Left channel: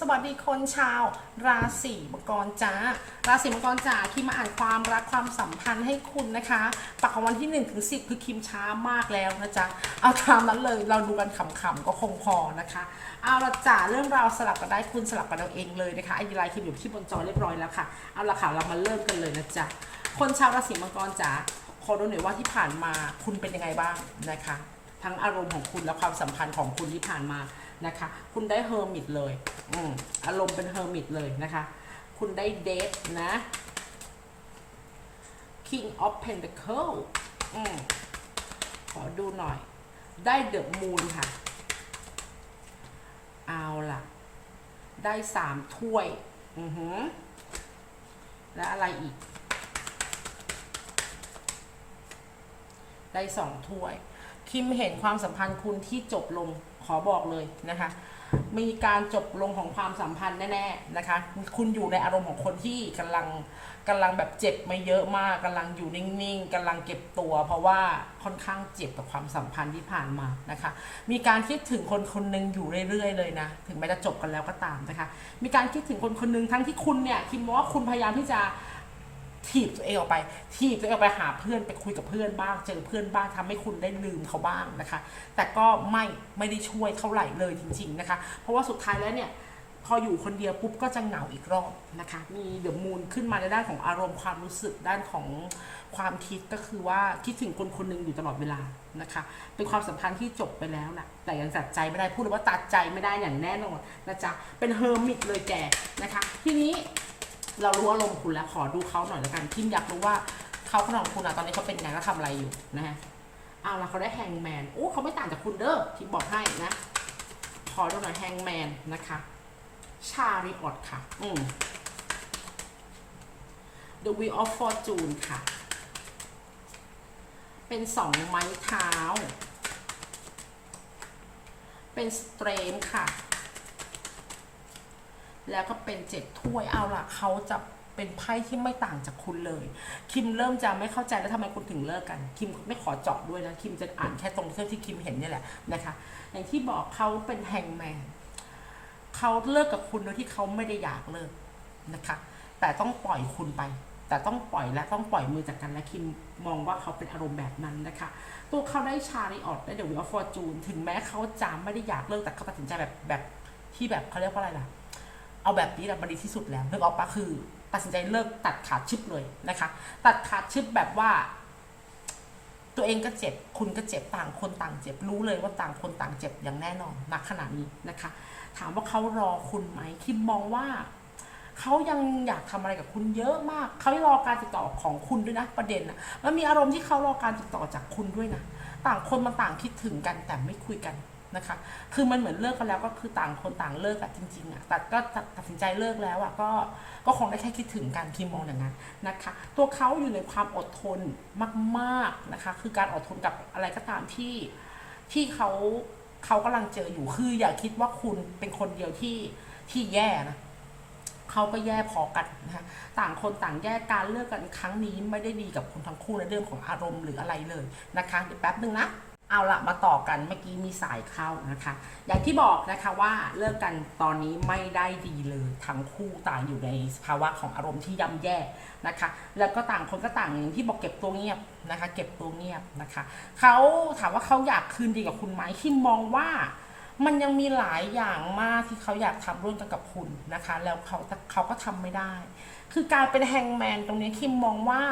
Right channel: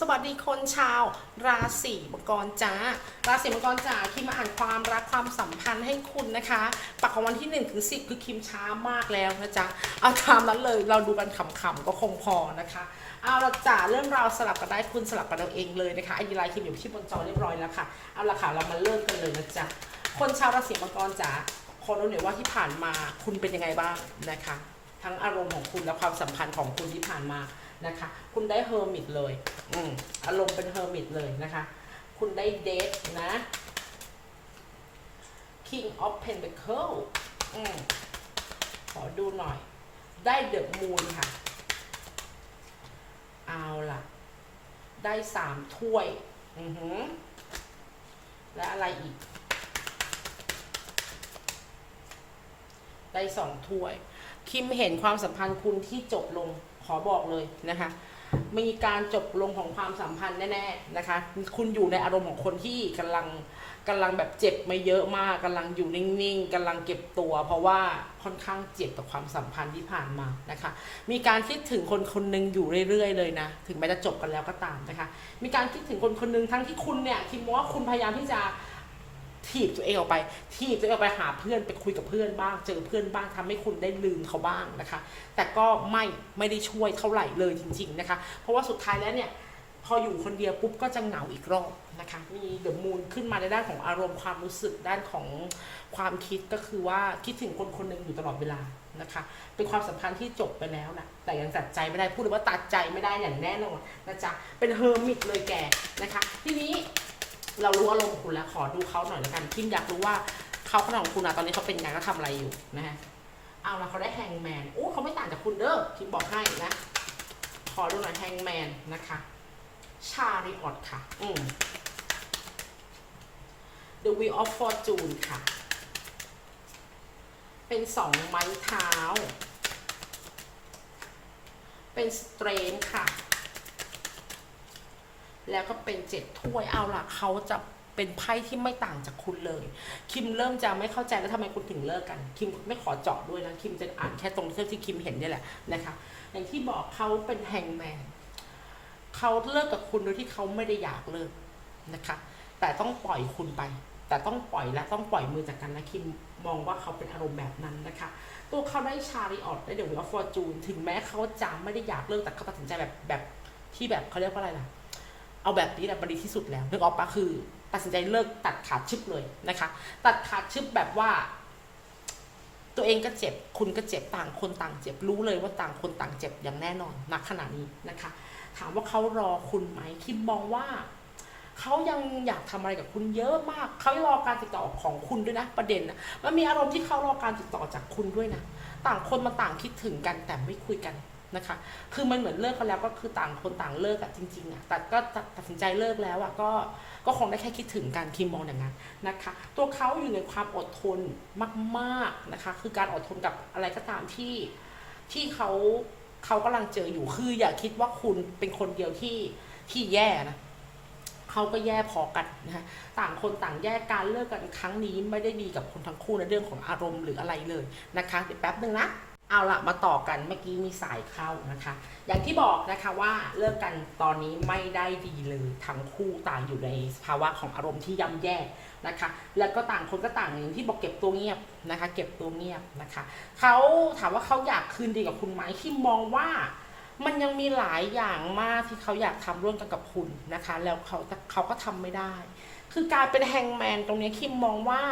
สวัสดีคนชาว ราศีมังกรจ้า ราศีมังกรจ้าคิมมาอ่านความรักความสัมพันธ์ให้คุณนะคะปักของวันที่1ถึง10คือคิมช้ามากแล้วนะจ๊ะเอาตามนั้นเลยเราดูกันขำๆก็คงพอนะคะเอาละจ้าเรื่องราวสลับกันได้คุณสลับกันเอาเองเลยนะคะไอดีไลน์คิมอยู่ที่บนจอเรียบร้อยแล้วค่ะเอาละค่ะเรามาเริ่มกันเลยนะจ๊ะคนชาวราศีมังกรจ๋าขอรู้หน่อยว่าที่ผ่านมาคุณเป็นยังไงบ้างนะคะ ทั้งอารมณ์ของคุณและความสัมพันธ์ของคุณที่ผ่านมา นะคะ คุณได้เฮอร์มิตเลยอืมอารมณ์เป็นเฮอร์มิตเลยนะคะ คุณได้เดทนะ King of Pentacle อืมขอดูหน่อย ได้เดอะมูนค่ะ เอาล่ะ ได้สามถ้วย อือหือ และอะไรอีก ได้สองถ้วย คิมเห็นความสัมพันธ์คุณที่จบลง ขอบอกเลยนะคะ มีการจบลงของความสัมพันธ์แน่ๆนะคะ คุณอยู่ในอารมณ์ของคนที่กำลังกำลังแบบเจ็บมาเยอะมากกำลังอยู่นิ่งๆกำลังเก็บตัว เพราะว่าค่อนข้างเจ็บกับความสัมพันธ์ที่ผ่านมานะคะ มีการคิดถึงคนคนหนึ่งอยู่เรื่อยๆ เลยนะ ถึงแม้จะจบกันแล้วก็ตามนะคะ มีการคิดถึงคนคนหนึ่งทั้งที่คุณเนี่ยคิมมองว่าคุณพยายามที่จะ ถีบตัวเองออกไปถีบตัวเองออกไปหาเพื่อนไปคุยกับเพื่อนบ้าง เจอเพื่อนบ้างทำให้คุณได้ลืมเขาบ้างนะคะ แต่ก็ไม่ไม่ได้ช่วยเท่าไหร่เลยจริง ๆนะคะ เพราะว่าสุดท้ายแล้วเนี่ยพออยู่คนเดียวปุ๊บก็จะเหงาอีกรอบนะคะมีเดอะมูนขึ้นมาในด้านของอารมณ์ความรู้สึกด้านของความคิดก็คือว่าคิดถึงคนคนหนึ่งอยู่ตลอดเวลานะคะ เป็นความสัมพันธ์ที่จบไปแล้วนะแต่ยังตัดใจไม่ได้พูดเลยว่าตัดใจไม่ได้อย่างแน่นอนนะจ๊ะเป็นเฮอร์มิตเลยแกนะคะ ทีนี้ เรารู้อารมณ์ของคุณแล้วขอดูเขาหน่อยแล้วกันคิมอยากรู้ว่าเขาขนาดของคุณอะตอนนี้เขาเป็นไงเขาทำอะไรอยู่นะฮะเอาละเขาได้แฮงแมนโอ้เขาไม่ต่างจากคุณเด้อคิมบอกให้นะ ขอดูหน่อยแฮงแมนนะคะชาริออตค่ะ อืม The Wheel of Fortune ค่ะ เป็นสองไม้เท้า เป็นสเตรนค่ะ แล้วก็เป็นเจ็ดถ้วยเอาล่ะเขาจะเป็นไพ่ที่ไม่ต่างจากคุณเลย คิมเริ่มจะไม่เข้าใจแล้วทำไมคุณถึงเลิกกัน คิมไม่ขอเจาะด้วยนะ คิมจะอ่านแค่ตรงที่คิมเห็นนี่แหละนะคะ อย่างที่บอกเขาเป็นแฮงแมนเขาเลิกกับคุณโดยที่เขาไม่ได้อยากเลิกนะคะ แต่ต้องปล่อยคุณไป แต่ต้องปล่อยและต้องปล่อยมือจากกันนะคิมมองว่าเขาเป็นอารมณ์แบบนั้นนะคะ ตัวเขาได้ชาริออตได้เดี๋ยววิฟอร์จูนถึงแม้เขาจะไม่ได้อยากเลิกแต่เขาตัดสินใจแบบแบบที่แบบเขาเรียกว่าอะไรล่ะ เอาแบบนี้แหละมันดีที่สุดแล้วนึกออกปะคือตัดสินใจเลิกตัดขาดชึบเลยนะคะ ตัดขาดชึบแบบว่า ตัวเองก็เจ็บ คุณก็เจ็บต่างคนต่างเจ็บรู้เลยว่าต่างคนต่างเจ็บอย่างแน่นอนณขณะนี้นะคะ ถามว่าเขารอคุณไหมคิมมองว่าเขายังอยากทำอะไรกับคุณเยอะมาก เขารอการติดต่อของคุณด้วยนะประเด็นนะมันมีอารมณ์ที่เขารอการติดต่อจากคุณด้วยนะ ต่างคนมาต่างคิดถึงกันแต่ไม่คุยกัน นะคะ คือมันเหมือนเลิกกันแล้วก็คือต่างคนต่างเลิกอะจริงๆอะแต่ก็ตัดสินใจเลิกแล้วอะก็ก็คงได้แค่คิดถึงการคิมมองอย่างนั้นนะคะ ตัวเขาอยู่ในความอดทนมากๆนะคะ คือการอดทนกับอะไรก็ตามที่ที่เขาเขากำลังเจออยู่คืออย่าคิดว่าคุณเป็นคนเดียวที่ที่แย่นะเขาก็แย่พอกันนะคะต่างคนต่างแยกการเลิกกันครั้งนี้ไม่ได้ดีกับคุณทั้งคู่ในเรื่องของอารมณ์หรืออะไรเลยนะคะเดี๋ยวแป๊บนึงนะ เอาละมาต่อกันเมื่อกี้มีสายเข้านะคะ อย่างที่บอกนะคะว่าเลิกกันตอนนี้ไม่ได้ดีเลยทั้งคู่ต่างอยู่ในภาวะของอารมณ์ที่ย่ำแย่นะคะ แล้วก็ต่างคนก็ต่างอย่างที่บอกเก็บตัวเงียบนะคะ เก็บตัวเงียบนะคะเขาถามว่าเขาอยากคืนดีกับคุณไหมที่มองว่ามันยังมีหลายอย่างมากที่เขาอยากทำร่วมกันกับคุณนะคะ แล้วเขาเขาก็ทำไม่ได้ คือการเป็นแฮงแมนตรงนี้คิมมองว่า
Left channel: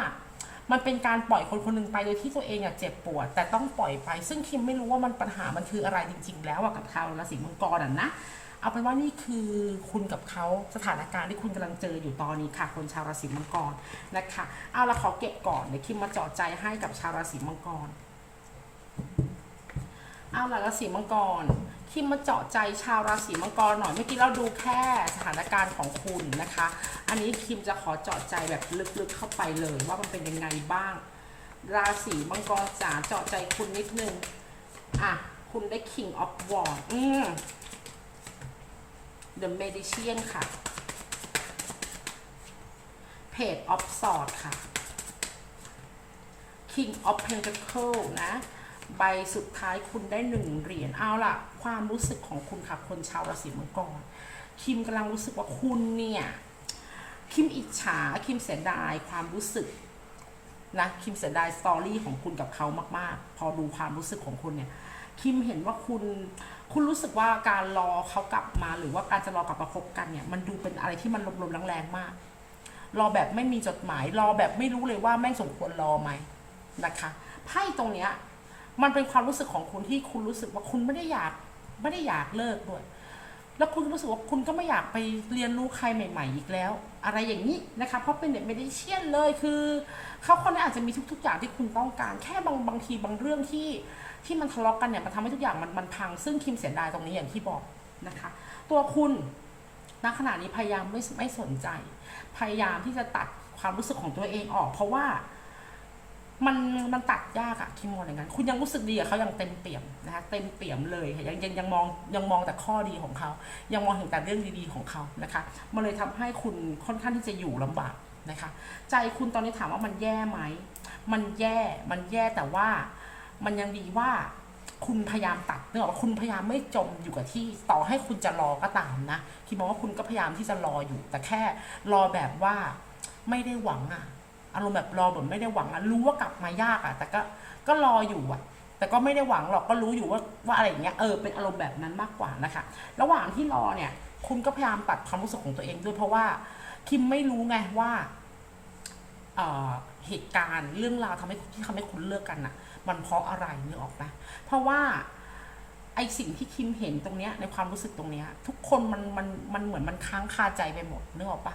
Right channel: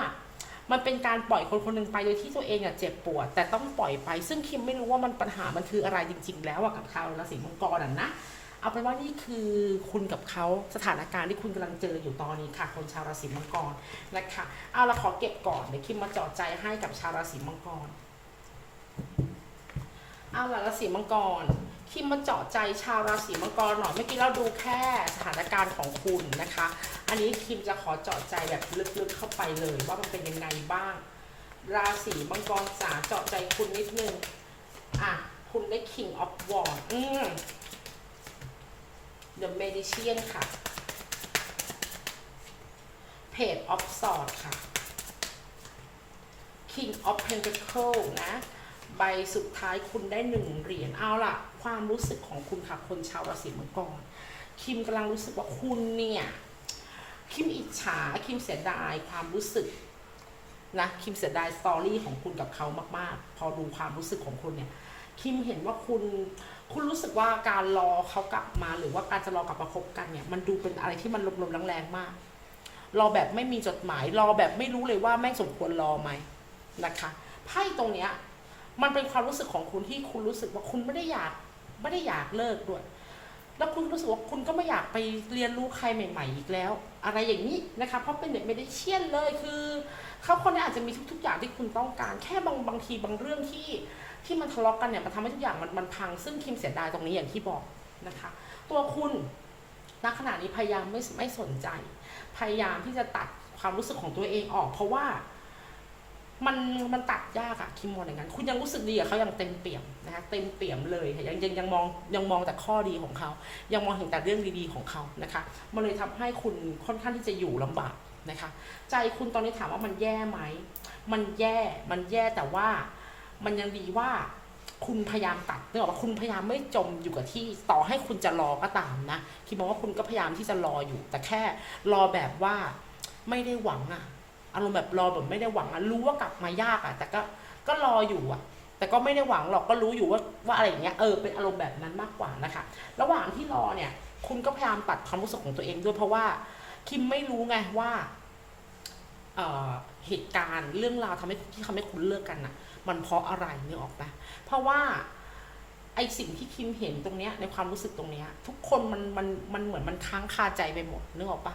มันเป็นการปล่อยคนคนหนึ่งไปโดยที่ตัวเองอะเจ็บปวด แต่ต้องปล่อยไป ซึ่งคิมไม่รู้ว่ามันปัญหามันคืออะไรจริง ๆ แล้วอะกับชาวราศีมังกรอะนะเอาเป็นว่านี่คือคุณกับเขาสถานการณ์ที่คุณกำลังเจออยู่ตอนนี้ค่ะ คนชาวราศีมังกรนะคะเอาละขอเก็บก่อนเดี๋ยวคิมมาจาะใจให้กับชาวราศีมังกรเอาละราศีมังกร คิมมาเจาะใจชาวราศีมังกรหน่อยเมื่อกี้เราดูแค่สถานการณ์ของคุณนะคะ อันนี้คิมจะขอเจาะใจแบบลึกๆเข้าไปเลยว่ามันเป็นยังไงบ้าง ราศีมังกรจ๋าเจาะใจคุณนิดนึงอะคุณได้ King of Wands อืม The Magician ค่ะ Page of Swords ค่ะ King of Pentacle นะ ใบสุดท้ายคุณได้หนึ่งเหรียญเอาล่ะ ความรู้สึกของคุณค่ะคนชาวราศีมังกรคิมกำลังรู้สึกว่าคุณเนี่ยคิมอิจฉาคิมเสียดายความรู้สึกนะคิมเสียดายสตอรี่ของคุณกับเขามาก ๆ พอดูความรู้สึกของคุณเนี่ยคิมเห็นว่าคุณคุณรู้สึกว่าการรอเขากลับมาหรือว่าการจะรอกลับมาคบกันเนี่ยมันดูเป็นอะไรที่มันลมๆแรงๆมาก รอแบบไม่มีจดหมาย รอแบบไม่รู้เลยว่าแม่งสมควรรอไหมนะคะไพ่ตรงเนี้ย มันเป็นความรู้สึกของคุณที่คุณรู้สึกว่าคุณไม่ได้อยากไม่ได้อยากเลิกด้วย แล้วคุณรู้สึกว่าคุณก็ไม่อยากไปเรียนรู้ใครใหม่ ๆ อีกแล้ว อะไรอย่างนี้นะคะ เพราะเป็นเด็กไม่ได้เชี่ยนเลยคือเขาคนนั้นอาจจะมีทุก ๆ อย่างที่คุณต้องการ แค่บางบางทีบางเรื่องที่ที่มันทะเลาะกันเนี่ยมันทำให้ทุกอย่างมันมันพัง ซึ่งคิมเสียดายตรงนี้อย่างที่บอกนะคะ ตัวคุณณขณะนี้พยายามไม่ไม่สนใจ พยายามที่จะตัดความรู้สึกของตัวเองออก เพราะว่า มันมันตัดยากอะคิมมองอย่างนั้น คุณยังรู้สึกดีกับเขาอยังเต็มเปี่ยมนะคะเต็มเปี่ยมเลยค่ะยังยังยังมองยังมองแต่ข้อดีของเขา ยังมองเห็นแต่เรื่องดีๆของเขานะคะมันเลยทำให้คุณค่อนข้างที่จะอยู่ลำบากนะคะ ใจคุณตอนนี้ถามว่ามันแย่ไหมมันแย่มันแย่แต่ว่า มันยังดีว่าคุณพยายามตัดเนื่องว่าคุณพยายามไม่จมอยู่กับที่ต่อให้คุณจะรอก็ตามนะคิดมองว่าคุณก็พยายามที่จะรออยู่ แต่แค่รอแบบว่าไม่ได้หวังอะ อารมณ์แบบรอแบบไม่ได้หวังอะรู้ว่ากลับมายากอะแต่ก็ก็รออยู่อะแต่ก็ไม่ได้หวังหรอกก็รู้อยู่ว่าว่าอะไรอย่างเงี้ยเออเป็นอารมณ์แบบนั้นมากกว่านะคะ ระหว่างที่รอเนี่ย คุณก็พยายามตัดความรู้สึกของตัวเองด้วยเพราะว่าคิมไม่รู้ไงว่าเออเหตุการณ์เรื่องราวทำให้ที่ทำให้คุณเลิกกันน่ะ มันเพราะอะไรนึกออกปะเพราะว่าไอสิ่งที่คิมเห็นตรงเนี้ยในความรู้สึกตรงเนี้ย ทุกคนมันมันมันเหมือนมันค้างคาใจไปหมดนึกออกปะ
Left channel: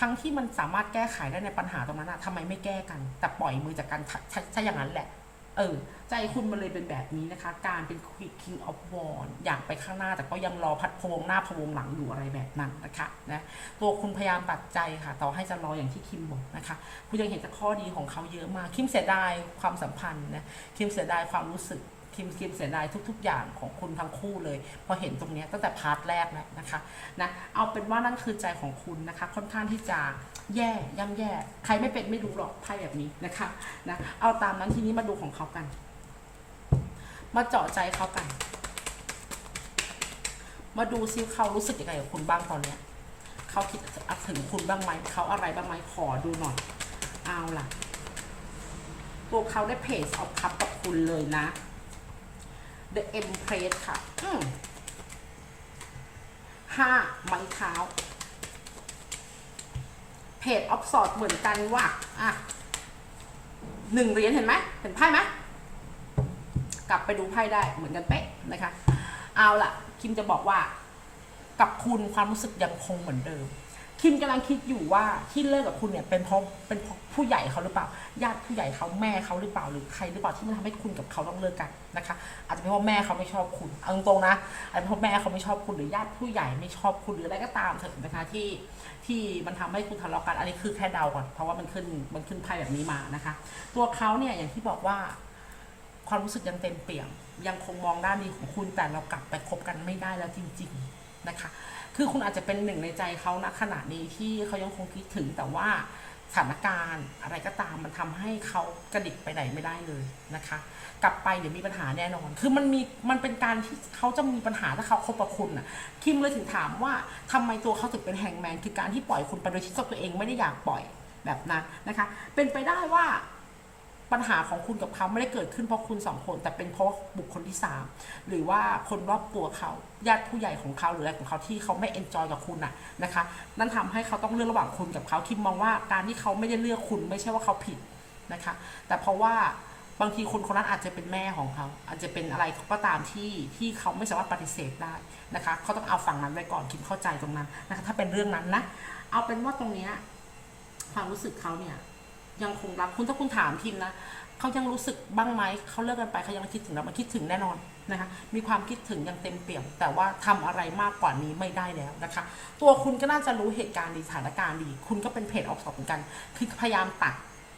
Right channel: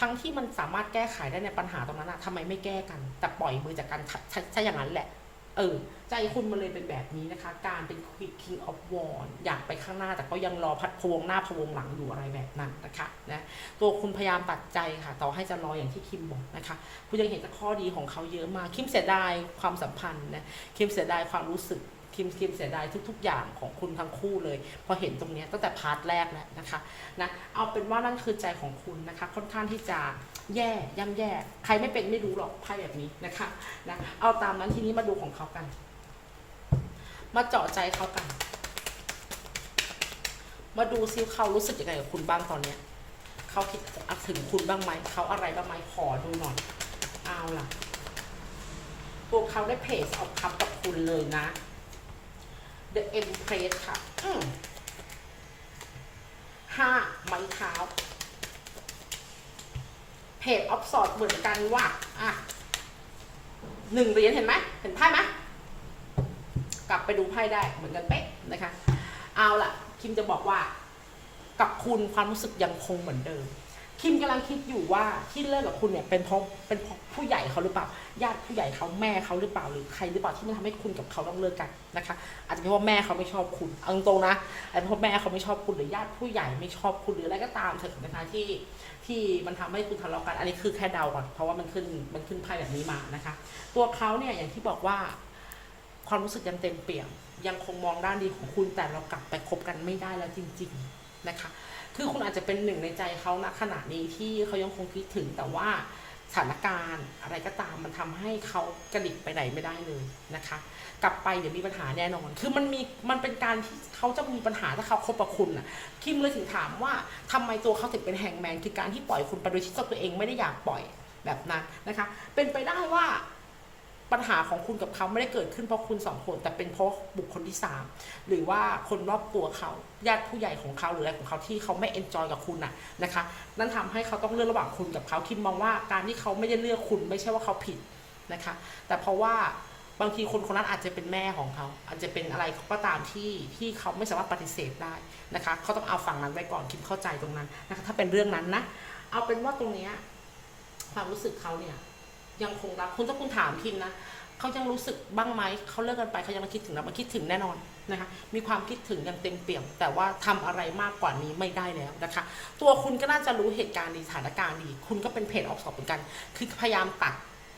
ทั้งที่มันสามารถแก้ไขได้ในปัญหาตรงนั้นอะทำไมไม่แก้กัน แต่ปล่อยมือจากกาถ้าถ้าอย่างนั้นแหละ เออ ใจคุณมันเลยเป็นแบบนี้นะคะ การเป็น king of w a r อยากไปข้างหน้า แต่ก็ยังรอพัดพวงหน้าพวงหลังอยู่อะไรแบบนั้นนะคะนะตัวคุณพยายามตัดใจค่ะ ต่อให้จะรออย่างที่คิมบอกนะคะ คุณยังเห็นแต่ข้อดีของเขาเยอะมากคิมเสียดายความสัมพันธ์นะคิมเสียดายความรู้สึก คิมคิมเสียดายทุก ๆ อย่างของคุณทั้งคู่เลย พอเห็นตรงนี้ตั้งแต่พาร์ทแรกแล้วนะคะนะเอาเป็นว่านั่นคือใจของคุณนะคะ ค่อนข้างที่จะแย่ย่ำแย่ ใครไม่เป็นไม่รู้หรอกไพ่แบบนี้นะคะนะเอาตามนั้นทีนี้มาดูของเขากัน มาเจาะใจเขากัน มาดูซิเขารู้สึกยังไงกับคุณบ้างตอนเนี้ยเขาคิดถึงคุณบ้างไหมเขาอะไรบ้างไหมขอดูหน่อย เอาล่ะตัวเขาได้เพจออกคับกับคุณเลยนะ The Empress ค่ะอืมห้าไม้เท้าเพจออฟสอดเหมือนกันว่ะอะหนึ่งเหรียญเห็นไหมเห็นไพ่ไหมกลับไปดูไพ่ได้เหมือนกันเป๊ะนะคะ เอาล่ะ คิมจะบอกว่า กับคุณความรู้สึกยังคงเหมือนเดิม คิมกำลังคิดอยู่ว่าที่เลิกกับคุณเนี่ยเป็นเพราะเป็นเพราะผู้ใหญ่เขาหรือเปล่า ญาติผู้ใหญ่เขาแม่เขาหรือเปล่าหรือใครหรือเปล่าที่มันทำให้คุณกับเขาต้องเลิกกันนะคะ อาจจะเป็นเพราะแม่เขาไม่ชอบคุณเอาตรงๆนะอาจจะเป็นเพราะแม่เขาไม่ชอบคุณหรือญาติผู้ใหญ่ไม่ชอบคุณหรืออะไรก็ตามเถอะนะคะที่ที่มันทำให้คุณทะเลาะกันอันนี้คือแค่เดาก่อนเพราะว่ามันขึ้นมันขึ้นไพ่แบบนี้มานะคะ ตัวเขาเนี่ยอย่างที่บอกว่า ความรู้สึกยังเต็มเปี่ยม ยังคงมองด้านดีของคุณแต่เรากลับไปคบกันไม่ได้แล้วจริง ๆ นะคะ คือคุณอาจจะเป็นหนึ่งในใจเขาณขณะนี้ที่เขายังคงคิดถึงแต่ว่าสถานการณ์อะไรก็ตามมันทำให้เขากระดิกไปไหนไม่ได้เลยนะคะ กลับไปเดี๋ยวมีปัญหาแน่นอน คือมันมีมันเป็นการที่เขาจะมีปัญหาถ้าเขาคบกับคุณน่ะคิมเลยถึงถามว่าทำไมตัวเขาถึงเป็นแฮงแมนคือการที่ปล่อยคุณไปโดยที่ตัวเองไม่ได้อยากปล่อยแบบนั้นนะคะ เป็นไปได้ว่า ปัญหาของคุณกับเขาไม่ได้เกิดขึ้นเพราะคุณสองคนแต่เป็นเพราะบุคคลที่สามหรือว่าคนรอบตัวเขาญาติผู้ใหญ่ของเขาหรืออะไรของเขาที่เขาไม่เอนจอยกับคุณน่ะนะคะนั่นทำให้เขาต้องเลือกระหว่างคุณกับเขาคิมมองว่าการที่เขาไม่ได้เลือกคุณไม่ใช่ว่าเขาผิดนะคะ แต่เพราะว่าบางทีคนคนนั้นอาจจะเป็นแม่ของเขา อาจจะเป็นอะไรก็ตามที่ที่เขาไม่สามารถปฏิเสธได้นะคะเขาต้องเอาฝั่งนั้นไว้ก่อนคิมเข้าใจตรงนั้นนะคะถ้าเป็นเรื่องนั้นนะเอาเป็นว่าตรงเนี้ยความรู้สึกเขาเนี่ย ยังคงรักคุณถ้าคุณถามคิมนะเขายังรู้สึกบ้างไหมเขาเลิกกันไปเขายังคิดถึงเรามันคิดถึงแน่นอนนะคะมีความคิดถึงอย่างเต็มเปี่ยม แต่ว่าทำอะไรมากกว่านี้ไม่ได้แล้วนะคะ ตัวคุณก็น่าจะรู้เหตุการณ์ดีสถานการณ์ดี คุณก็เป็นเพจออกสอบเหมือนกัน คือพยายามตัด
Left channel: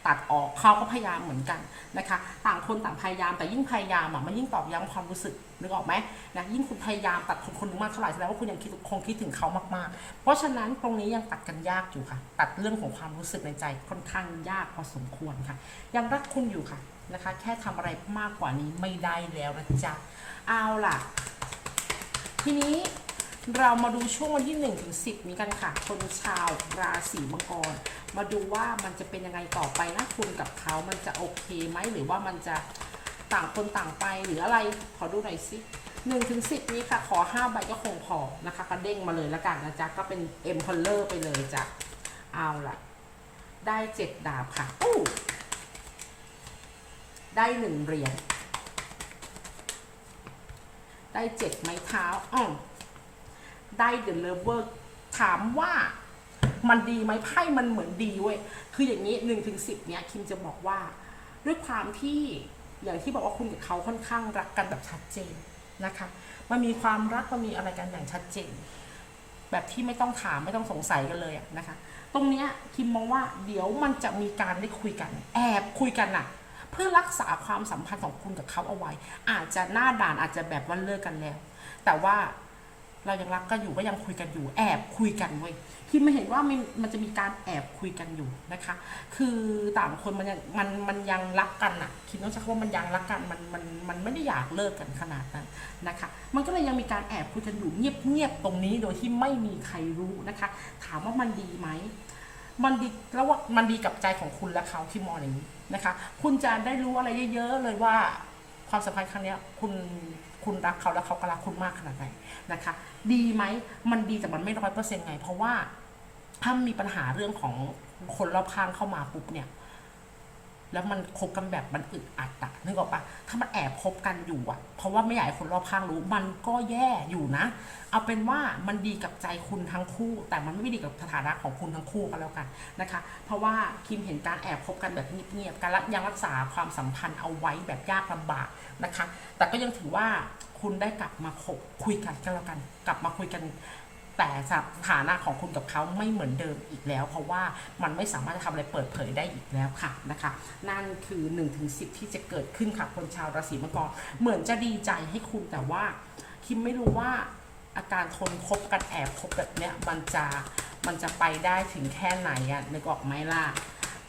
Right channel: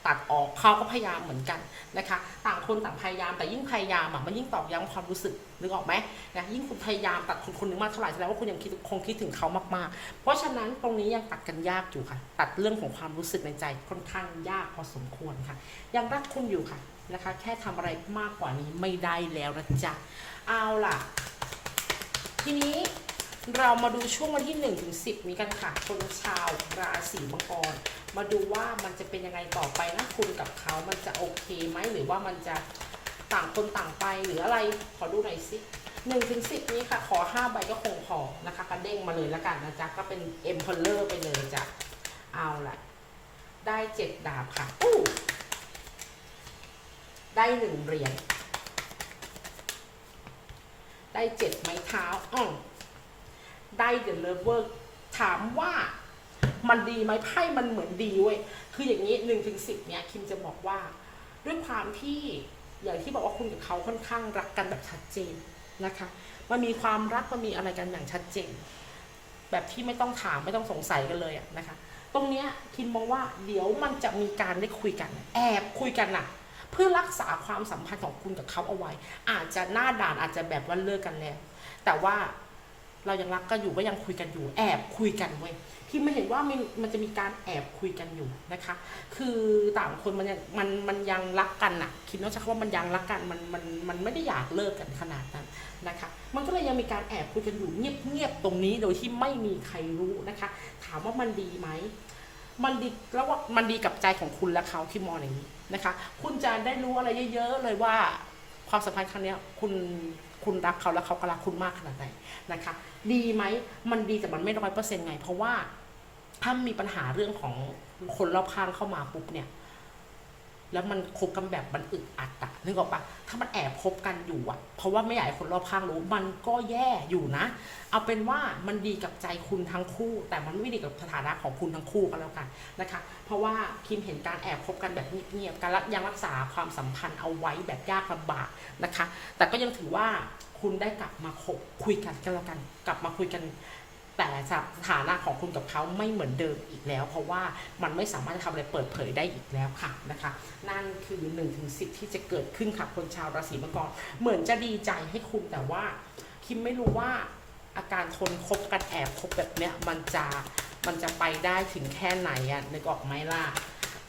ตัดออกเขาก็พยายามเหมือนกันนะคะ ต่างคนต่างพยายามแต่ยิ่งพยายามอะมันยิ่งตอกย้ำความรู้สึกนึกออกไหมนะยิ่งคุณพยายามตัดคนคนนึงมากเท่าไหร่แสดงว่าคุณยังคิดคงคิดถึงเขามากๆ เพราะฉะนั้นตรงนี้ยังตัดกันยากอยู่ค่ะ ตัดเรื่องของความรู้สึกในใจค่อนข้างยากพอสมควรค่ะ ยังรักคุณอยู่ค่ะนะคะ แค่ทำอะไรมากกว่านี้ไม่ได้แล้วนะจ๊ะเอาล่ะ ทีนี้ เรามาดูช่วงวันที่1ถึง10นี้กันค่ะ คนชาวราศีมังกร มาดูว่ามันจะเป็นยังไงต่อไปนะคุณกับเขามันจะโอเคไหมหรือว่ามันจะต่างคนต่างไปหรืออะไรขอดูหน่อยสิ1ถึง10นี้ค่ะ ขอ5ใบก็คงพอนะคะกระเด้งมาเลยแล้วกันนะจ๊ะ ก็เป็น e m p e r o r ไปเลยจ้ะ เอาละได้เจ็ดดาบค่ะอู้ได้หนึ่งเหรียญได้เจ็ดไม้เท้าอือ ได้เดอะเลเวอร์ถามว่ามันดีไหมไพ่มันเหมือนดีเว้ย คืออย่างนี้หนึ่งถึงสิบเนี่ยคิมจะบอกว่า ด้วยความที่อย่างที่บอกว่าคุณกับเขาค่อนข้างรักกันแบบชัดเจนนะคะ มันมีความรักมันมีอะไรกันอย่างชัดเจน แบบที่ไม่ต้องถามไม่ต้องสงสัยกันเลยนะคะ ตรงเนี้ยคิมมองว่าเดี๋ยวมันจะมีการได้คุยกัน แอบคุยกันน่ะเพื่อรักษาความสัมพันธ์ของคุณกับเขาเอาไว้ อาจจะหน้าด่านอาจจะแบบว่าเลิกกันแล้ว แต่ว่า เรายังรักกันอยู่ก็ยังคุยกันอยู่ แอบคุยกันเว้ยคิมไม่เห็นว่ามันมันจะมีการแอบคุยกันอยู่นะคะ คือต่างคนมันยังมันมันยังรักกันน่ะคิดว่าจะว่ามันยังรักกันมันมันมันไม่ได้อยากเลิกกันขนาดนั้นนะคะ มันก็เลยยังมีการแอบคุยกันอยู่เงียบๆตรงนี้โดยที่ไม่มีใครรู้นะคะ ถามว่ามันดีไหมมันดีแล้วว่ามันดีกับใจของคุณและเขาที่มองอย่างนี้นะคะ คุณจะได้รู้อะไรเยอะ ๆ เลยว่าความสัมพันธ์ครั้งเนี้ยคุณ คุณรักเขาแล้วเขาก็รักคุณมากขนาดไหนนะคะ ดีไหมมันดีแต่มันไม่ร้อยเปอร์เซ็นต์ไง เพราะว่าถ้ามีปัญหาเรื่องของคนรอบข้างเข้ามาปุ๊บเนี่ย แล้วมันคบกันแบบมันอึดอัดอะนึกออกปะถ้ามันแอบคบกันอยู่อะเพราะว่าไม่อยากให้คนรอบข้างรู้ มันก็แย่อยู่นะ เอาเป็นว่ามันดีกับใจคุณทั้งคู่ แต่มันไม่ดีกับสถานะของคุณทั้งคู่ก็แล้วกันนะคะ เพราะว่าคิมเห็นการแอบคบกันแบบเงียบๆการยังรักษาความสัมพันธ์เอาไว้แบบยากลำบาก นะคะ แต่ก็ยังถือว่าคุณได้กลับมาคุยกันก็แล้วกัน กลับมาคุยกัน แต่สถานะของคุณกับเขาไม่เหมือนเดิมอีกแล้ว เพราะว่ามันไม่สามารถจะทำอะไรเปิดเผยได้อีกแล้วค่ะนะคะ นั่นคือ1นถึงสิที่จะเกิดขึ้นค่ะคนชาวราศีมังกรเหมือนจะดีใจให้คุณแต่ว่าคิมไม่รู้ว่าอาการทนคบกันแอบคบแบบเนี้ยมันจะมันจะไปได้ถึงแค่ไหนอะนึกออกไหมล่ะ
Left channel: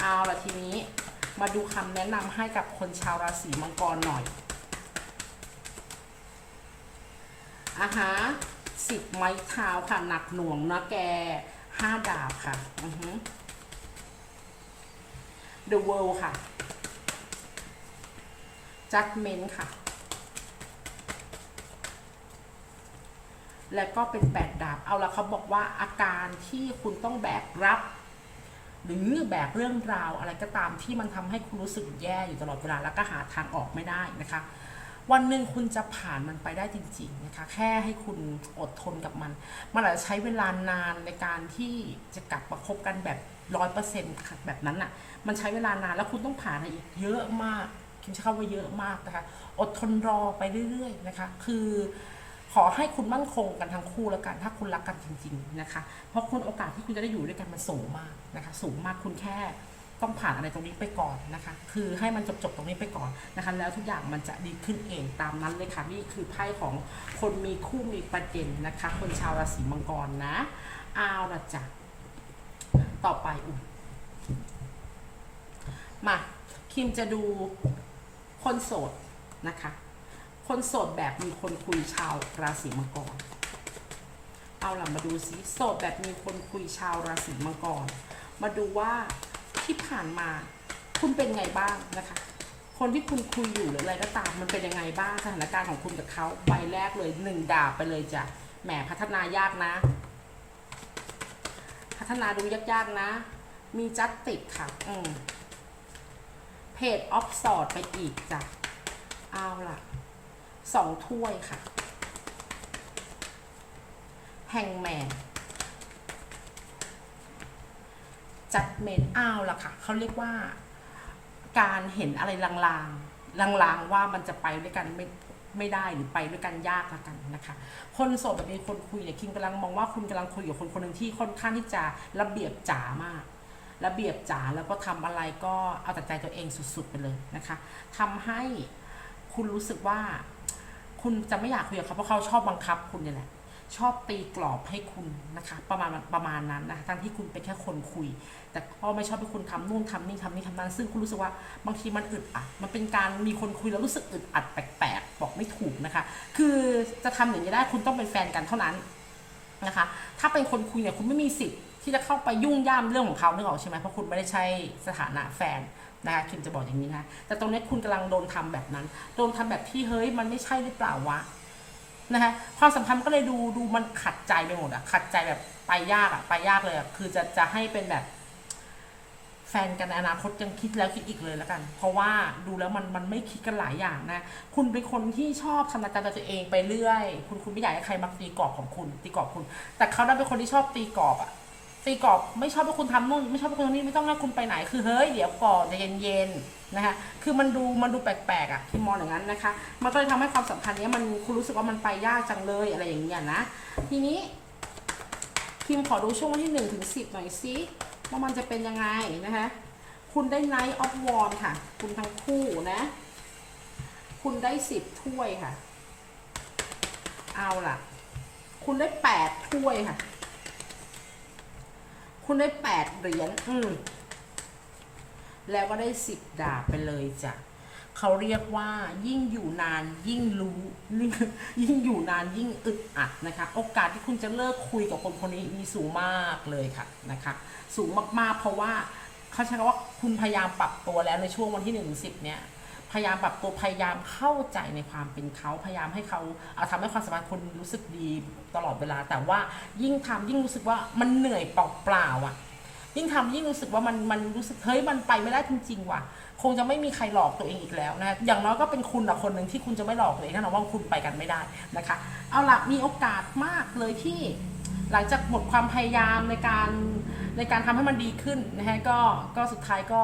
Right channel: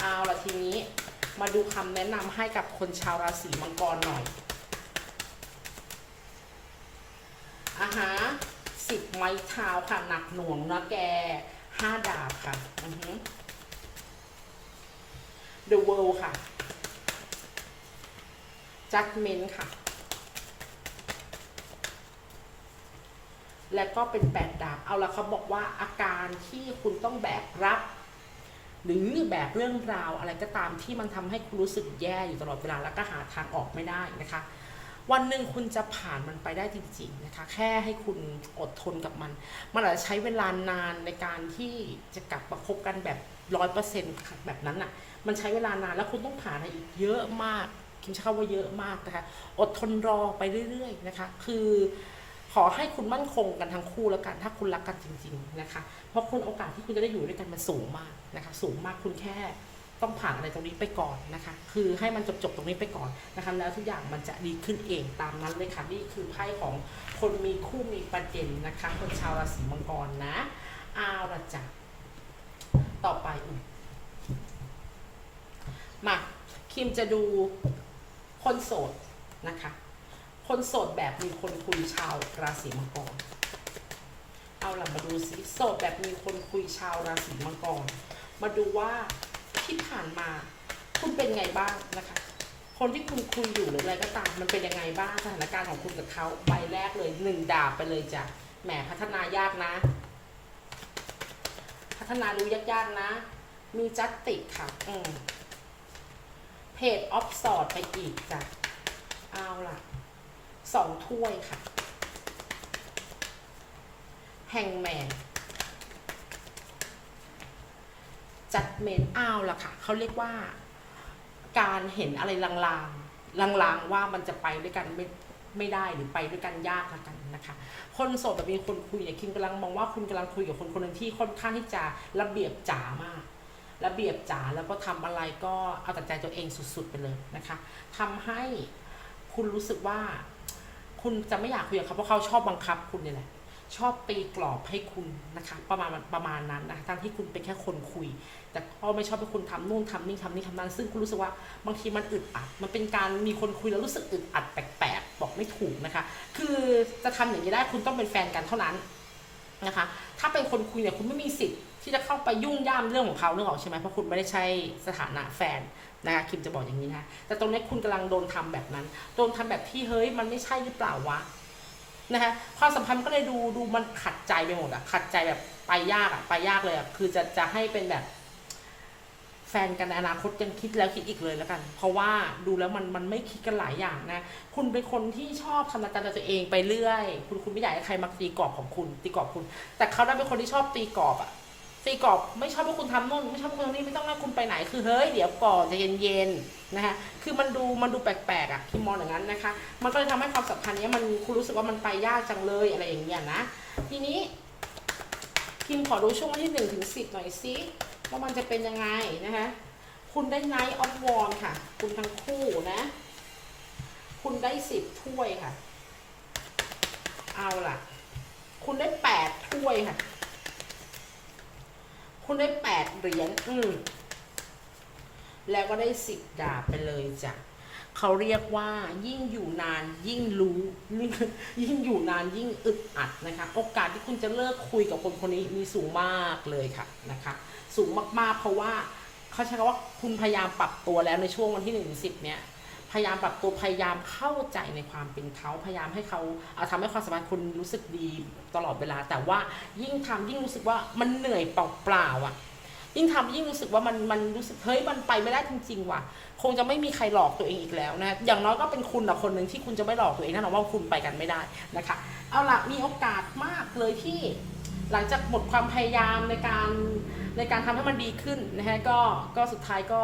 เอาละทีนี้มาดูคำแนะนำให้กับคนชาวราศีมังกรหน่อย อาฮะสิบไม้เท้าค่ะ หนักหน่วงนะแกห้าดาบค่ะอือฮึ The World ค่ะ Judgment ค่ะ แล้วก็เป็นแปดดาบ เอาละเขาบอกว่าอาการที่คุณต้องแบกรับ หรือแบกเรื่องราวอะไรก็ตามที่มันทำให้คุณรู้สึกแย่อยู่ตลอดเวลาแล้วก็หาทางออกไม่ได้นะคะ วันหนึ่งคุณจะผ่านมันไปได้จริงๆนะคะ แค่ให้คุณอดทนกับมัน มันอาจจะใช้เวลานานในการที่จะกลับมาคบกันแบบร้อยเปอร์เซ็นต์แบบนั้นอะ่ะ มันใช้เวลานานแล้วคุณต้องผ่านอะไรอีกเยอะมากคิมใช้คำว่าเยอะมากนะคะ อดทนรอไปเรื่อยๆนะคะ คือขอให้คุณมั่นคงกันทั้งคู่แล้วกัน ถ้าคุณรักกันจริง ๆนะคะ เพราะคุณโอกาสที่คุณจะได้อยู่ด้วยกันมันสูงมากนะคะ สูงมากคุณแค่ ต้องผ่านอะไรตรงนี้ไปก่อนนะคะ คือให้มันจบๆตรงนี้ไปก่อนนะคะ แล้วทุกอย่างมันจะดีขึ้นเองตามนั้นเลยค่ะนี่คือไพ่ของคนมีคู่มีประเด็นนะคะ คนชาวราศีมังกรนะเอาละจ้ะต่อไปอุมาคิมจะดูคนโสดนะคะ คนโสดแบบมีคนคุยชาวราศีมังกร เอาล่ะมาดูสิโสดแบบมีคนคุยชาวราศีมังกร มาดูว่า ที่ผ่านมา คุณเป็นไงบ้างนะคะ คนที่คุณคุยอยู่หรืออะไรก็ตามมันเป็นยังไงบ้างสถานการณ์ของคุณกับเขาใบแรกเลยหนึ่งดาบไปเลยจ้ะแหมพัฒนายากนะ พัฒนาดูยากๆนะ มีจัตติกค่ะ อืมเพจออฟสอดไปอีกจ้ะเอาล่ะสองถ้วยค่ะแฮงแมน จัดเมนอ้าวล่ะค่ะเขาเรียกว่า การเห็นอะไรลางๆลางๆว่ามันจะไปด้วยกันไม่ไม่ได้หรือไปด้วยกันยากละกันนะคะ คนโสดแบบมีคนคุยเนี่ยคิมกำลังมองว่าคุณกำลังคุยกับคนคนหนึ่งที่ค่อนข้างที่จะระเบียบจ๋ามาก ระเบียบจ๋าแล้วก็ทำอะไรก็เอาแต่ใจตัวเองสุดๆไปเลยนะคะทำให้คุณรู้สึกว่า คุณจะไม่อยากคุยกับเขาเพราะเขาชอบบังคับคุณนี่แหละ ชอบตีกรอบให้คุณนะคะ ประมาณประมาณนั้นนะคะทั้งที่คุณเป็นแค่คนคุย แต่ก็ไม่ชอบให้คุณทำนู่นทำนี่ทำนี่ทำนั้น ซึ่งคุณรู้สึกว่าบางทีมันอึดอัด มันเป็นการมีคนคุยแล้วรู้สึกอึดอัดแปลกๆบอกไม่ถูกนะคะ คือจะทำอย่างนี้ได้คุณต้องเป็นแฟนกันเท่านั้นนะคะ ถ้าเป็นคนคุยเนี่ยคุณไม่มีสิทธิ์ที่จะเข้าไปยุ่งย่ามเรื่องของเขาเรื่องออกใช่ไหมเพราะคุณไม่ได้ใช้สถานะแฟนนะคะคิมจะบอกอย่างนี้นะแต่ตรงนี้คุณกำลังโดนทำแบบนั้น โดนทำแบบที่เฮ้ยมันไม่ใช่หรือเปล่าวะ นะคะความสัมพันธ์ก็เลยดูดูมันขัดใจไปหมดอะขัดใจแบบไปยากอะไปยากเลยอะคือจะจะให้เป็นแบบ แฟนกันในอนาคตยังคิดแล้วคิดอีกเลยแล้วกัน เพราะว่าดูแล้วมันมันไม่คิดกันหลายอย่างนะ คุณเป็นคนที่ชอบทำรายการตัวเองไปเรื่อย คุณคุณไม่อยากให้ใครมาตีกรอบของคุณตีกรอบคุณ แต่เขาได้เป็นคนที่ชอบตีกรอบอะ ตีกรอบไม่ชอบให้คุณทำนู่นไม่ชอบให้คุณทำนี่ไม่ต้องให้คุณไปไหนคือเฮ้ยเดี๋ยวก่อนจะเย็นๆนะคะคือมันดูมันดูแปลกๆอะคิมมองอย่างนั้นนะคะ มันก็เลยทำให้ความสัมพันธ์เนี้ยมันคุณรู้สึกว่ามันไปยากจังเลยอะไรอย่างเงี้ยนะ ทีนี้คิมขอดูช่วงวันที่หนึ่งถึงสิบหน่อยซิว่ามันจะเป็นยังไงนะคะคุณได้ Night of w a n d ค่ะ คุณทั้งคู่นะ คุณได้สิบถ้วยค่ะ เอาล่ะ คุณได้แปดถ้วยค่ะ คุณได้แปดเหรียญอืมแล้วก็ได้สิบดาบไปเลยจ้ะเขาเรียกว่ายิ่งอยู่นานยิ่งรู้ยิ่งยิ่งอยู่นานยิ่งอึดอัดนะคะ โอกาสที่คุณจะเลิกคุยกับคนคนนี้มีสูงมากเลยค่ะนะคะ สูงมากๆเพราะว่าเขาใช้คำว่าคุณพยายามปรับตัวแล้วในช่วงวันที่หนึ่งถึงสิบเนี่ย พยายามปรับตัวพยายามเข้าใจในความเป็นเขาพยายามให้เขาเอาทำให้ความสัมพันธ์คุณรู้สึกดีตลอดเวลา แต่ว่ายิ่งทำยิ่งรู้สึกว่ามันเหนื่อยเปล่าๆอะยิ่งทำยิ่งรู้สึกว่ามันมันรู้สึกเฮ้ยมันไปไม่ได้จริงๆว่ะ คงจะไม่มีใครหลอกตัวเองอีกแล้วนะอย่างน้อยก็เป็นคุณละคนหนึ่งที่คุณจะไม่หลอกตัวเองแน่นอนว่าคุณไปกันไม่ได้นะคะ เอาล่ะมีโอกาสมากเลยที่หลังจากหมดความพยายามในการในการทำให้มันดีขึ้นนะฮะก็ก็สุดท้ายก็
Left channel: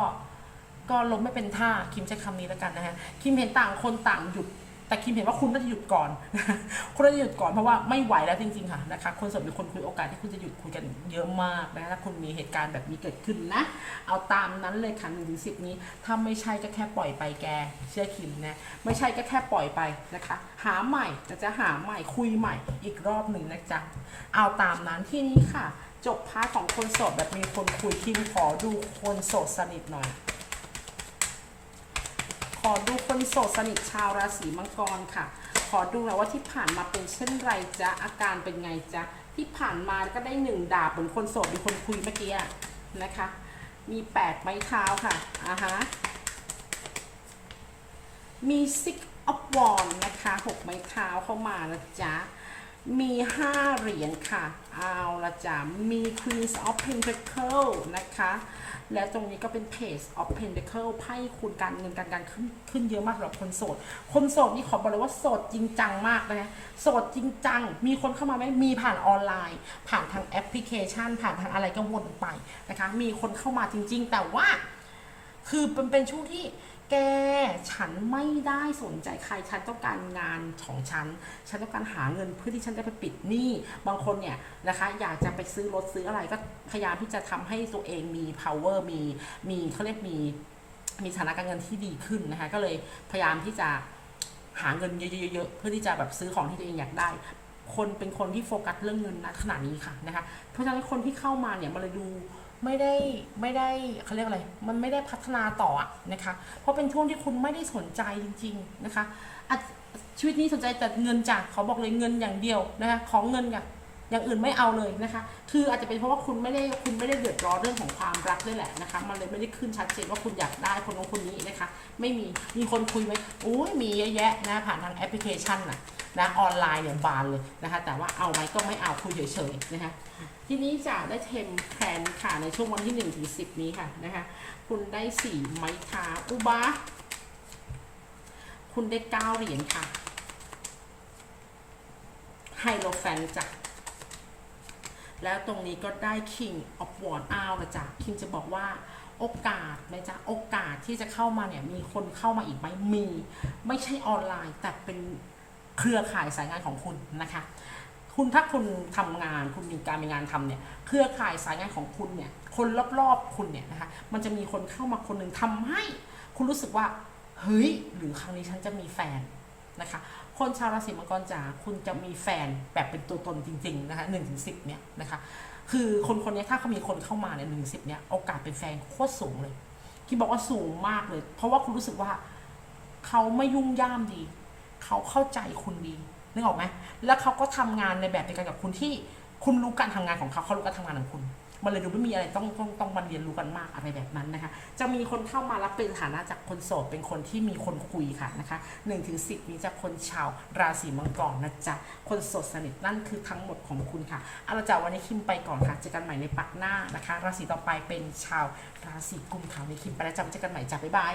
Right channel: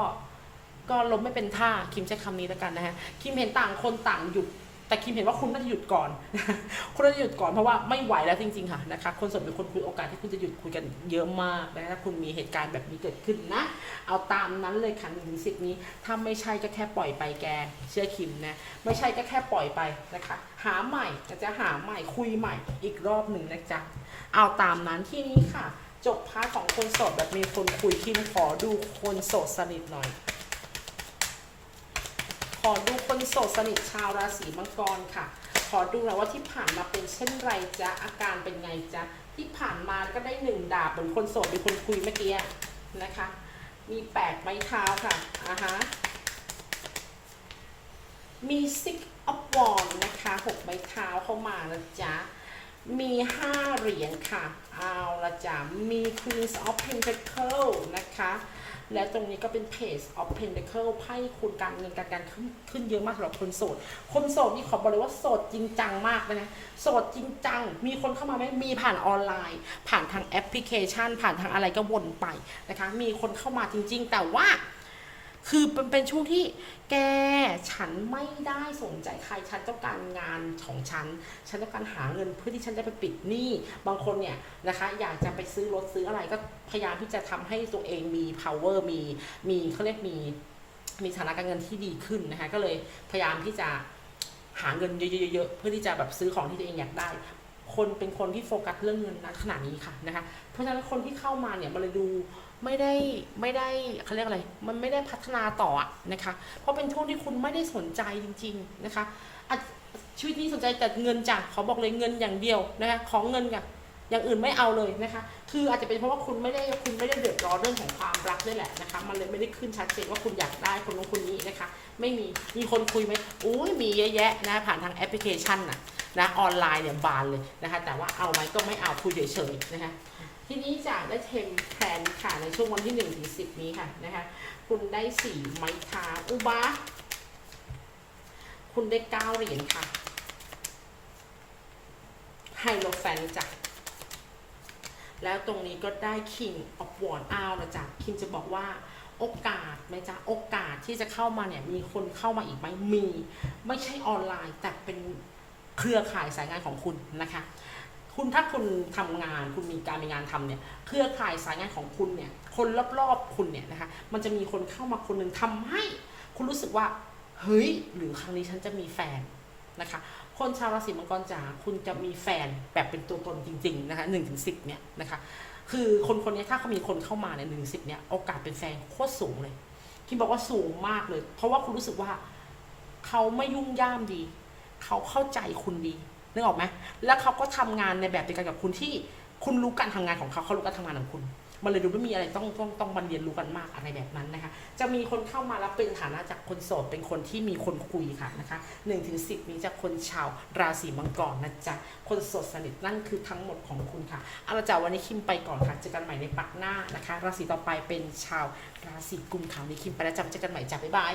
ก็ล้มไม่เป็นท่าคิมใช้คำนี้แล้วกันนะฮะคิมเห็นต่างคนต่างหยุดแต่คิมเห็นว่าคุณน่าจะหยุดก่อน คุณน่าจะหยุดก่อนเพราะว่าไม่ไหวแล้วจริงๆค่ะนะคะคนโสดเป็นคนคุยโอกาสที่คุณจะหยุดคุยกันเยอะมากนะถ้าคุณมีเหตุการณ์แบบนี้เกิดขึ้นนะ เอาตามนั้นเลยค่ะหนึ่งถึงสิบนี้ ถ้าไม่ใช่ก็แค่ปล่อยไปแก เชื่อคิมนะ ไม่ใช่ก็แค่ปล่อยไปนะคะ หาใหม่จะหาใหม่คุยใหม่อีกรอบหนึ่งนะจ๊ะ เอาตามนั้นที่นี้ค่ะ จบพาร์ทของคนโสดแบบมีคนคุยคิมขอดูคนโสดสนิทหน่อย ขอดูคนโสดสนิทชาวราศีมังกรค่ะ ขอดูหน่อยว่าที่ผ่านมาเป็นเช่นไรจ๊ะ อาการเป็นไงจ๊ะ ที่ผ่านมาก็ได้หนึ่งดาบเหมือนคนโสดมีคนคุยเมื่อกี้นะคะ มีแปดไม้เท้าค่ะอ่าฮะ มี six of wands นะคะหกไม้เท้าเข้ามานะจ๊ะ มีห้าเหรียญค่ะ เอาละจ้ะมี Queen of Pentacle นะคะ และตรงนี้ก็เป็นเพจ of Pentacle ไพ่คุณการเงินการการขึ้นขึ้นเยอะมากสำหรับคนโสด คนโสดนี่ขอบอกเลยว่าโสดจริงจังมากนะโสดจริงจัง มีคนเข้ามาไหมมีผ่านออนไลน์ ผ่านทางแอปพลิเคชัน ผ่านทางอะไรก็วนไปนะคะ มีคนเข้ามาจริง ๆ แต่ว่า คือเป็นเป็นช่วงที่แกฉันไม่ได้สนใจใครฉันต้องการงานของฉัน ฉันต้องการหาเงินเพื่อที่ฉันจะไปปิดหนี้บางคนเนี่ยนะคะ อยากจะไปซื้อรถซื้ออะไรก็พยายามที่จะทำให้ตัวเองมี power มีมีเขาเรียกมีมีฐานะการเงินที่ดีขึ้นนะคะ ก็เลยพยายามที่จะหาเงินเยอะๆเพื่อที่จะแบบซื้อของที่ตัวเองอยากได้ คนเป็นคนที่โฟกัสเรื่องเงินณขณะนี้ค่ะนะคะ เพราะฉะนั้นคนที่เข้ามาเนี่ยมันเลยดู ไม่ได้ไม่ได้เขาเรียกอะไร มันไม่ได้พัฒนาต่ออะนะคะ เพราะเป็นช่วงที่คุณไม่ได้สนใจจริง ๆนะคะชีวิตนี้สนใจแต่เงินจ้ะเขาบอกเลยเงินอย่างเดียวนะคะของเงินอย่างอย่างอื่นไม่เอาเลยนะคะ คืออาจจะเป็นเพราะว่าคุณไม่ได้คุณไม่ได้เดือดร้อนเรื่องของความรักด้วยแหละนะคะ มันเลยไม่ได้ขึ้นชัดเจนว่าคุณอยากได้คนนู้นคนนี้นะคะ ไม่มี มีคนคุยไหมอุ้ยมีเยอะแยะนะผ่านทางแอปพลิเคชันนะนะออนไลน์เนี่ยบานเลยนะคะ แต่ว่าเอาไหมก็ไม่เอาคุยเฉยๆนะคะ ทีนี้จะได้เทมแพลนค่ะในช่วงวันที่1ถึง10 นี้ค่ะนะคะคุณได้4ไม้เท้าอุบาคุณได้9เหรียญค่ะไฮโลแฟนจ้ะแล้วตรงนี้ก็ได้ King of w a n d อ้าวนะจ๊ะคิมจะบอกว่าโอกาสนะจ๊ะโอกาสที่จะเข้ามาเนี่ยมีคนเข้ามาอีกไหมมี ไม่ใช่ออนไลน์ แต่เป็นเครือข่ายสายงานของคุณนะคะ คุณถ้าคุณทำงาน คุณมีการมีงานทำเนี่ยเครือข่ายสายงานของคุณเนี่ย คนรอบๆคุณเนี่ยนะคะมันจะมีคนเข้ามาคนหนึ่งทำให้ คุณรู้สึกว่าเฮ้ยหรือครั้งนี้ฉันจะมีแฟนนะคะ คนชาวราศีมังกรจ๋าคุณจะมีแฟนแบบเป็นตัวตนจริงๆนะคะหนึ่งถึงสิบเนี่ยนะคะ คือคนคนนี้ถ้าเขามีคนเข้ามาเนี่ยหนึ่งสิบเนี่ยโอกาสเป็นแฟนโคตรสูงเลยที่บอกว่าสูงมากเลย เพราะว่าคุณรู้สึกว่า เขาไม่ยุ่งย่ามดี เขาเข้าใจคุณดี นึกออกไหมแล้วเขาก็ทำงานในแบบเดียวกันกับคุณที่คุณรู้การทำงานของเขาเขารู้การทำงานของคุณมันเลยดูไม่มีอะไรต้องต้องต้องมาเรียนรู้กันมากอะไรแบบนั้นนะคะ จะมีคนเข้ามารับเป็นฐานะจากคนโสดเป็นคนที่มีคนคุยค่ะนะคะ1นถึงสิบนี้จากคนชาวราศีมังกรนะจ๊ะ คนโสดสนิทนั่นคือทั้งหมดของคุณค่ะเอาละจ้ะวันนี้คิมไปก่อนค่ะ เจอกันใหม่ในปักหน้านะคะ ราศีต่อไปเป็นชาวราศีกุมค่ะในคิมไปแล้วจ้ะเจอกันใหม่จ้ะบ๊ายบาย